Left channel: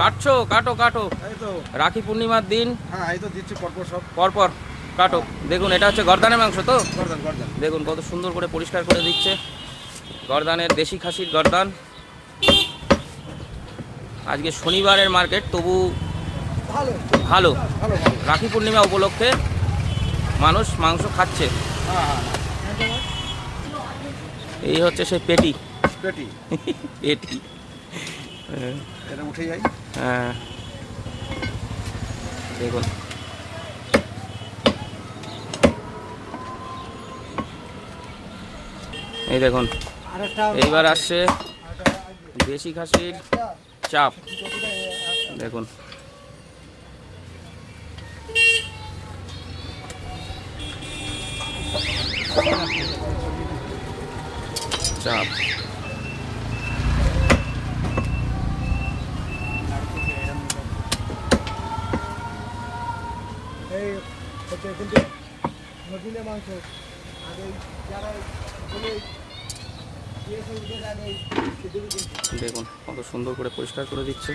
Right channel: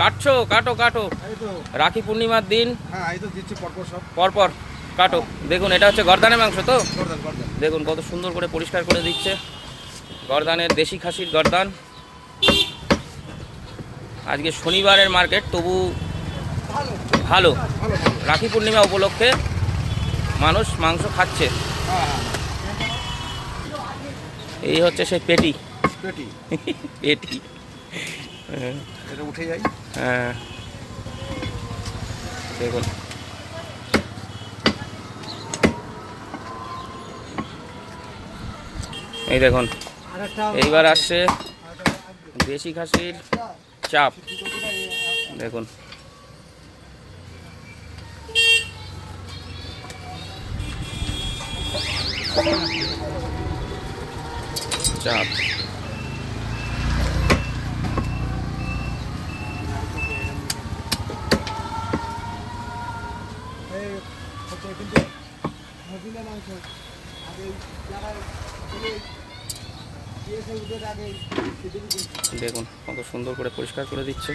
কাটছো, কাটো কাটো। রাখি পূর্ণিমার দিন পরপর কাটো। দেখুন এটা হচ্ছে গর্দানের মাংস তো, দেখুন কত সুন্দর করে পরিষ্কার করে দিচ্ছে। গর্দানের, দেশি খাসির গর্দান। আজকে শনিবারের মার্কেট, তবু ভালো। রাখি পূর্ণিমা উপলক্ষে মানুষ মাংস খাচ্ছে। এই হচ্ছে সেই পেটি পেটি। উঠে যাই। হ্যাঁ দেখুন এই দেখুন, এইবার আসছে দেশি খাসির চাপ। দেখুন চাপ, দেখুন কত সুন্দর করে পরিষ্কার করে দিচ্ছে।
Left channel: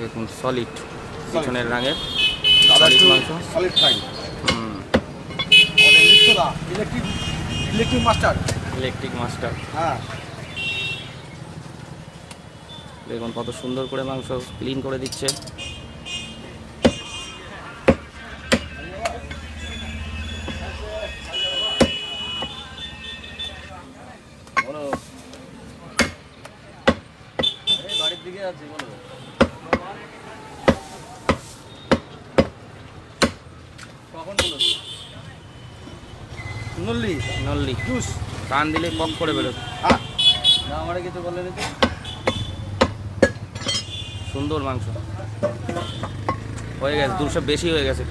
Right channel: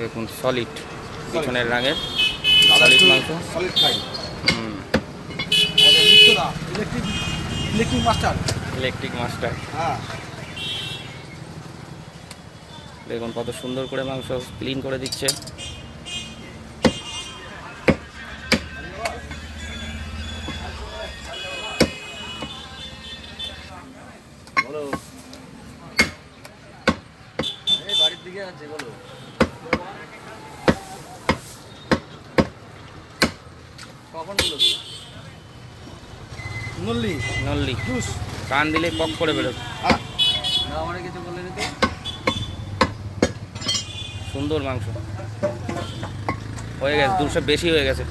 দেখুন সলিড, পিছনের রাঙের সলিড মাংস। Electric master. দেখুন কত সুন্দর করে মাংস ক্লিন করে দিচ্ছে। বাড়ির দিকে আছে, বলো। কখন বলো? নল্লি নল্লি জুস কান দিলে পক করে বেরোবে। না, আমার কিছু বললেন তো। সুন্দর মাংস হয়ে গেছে, 200 বেশি হয়ে গেছে।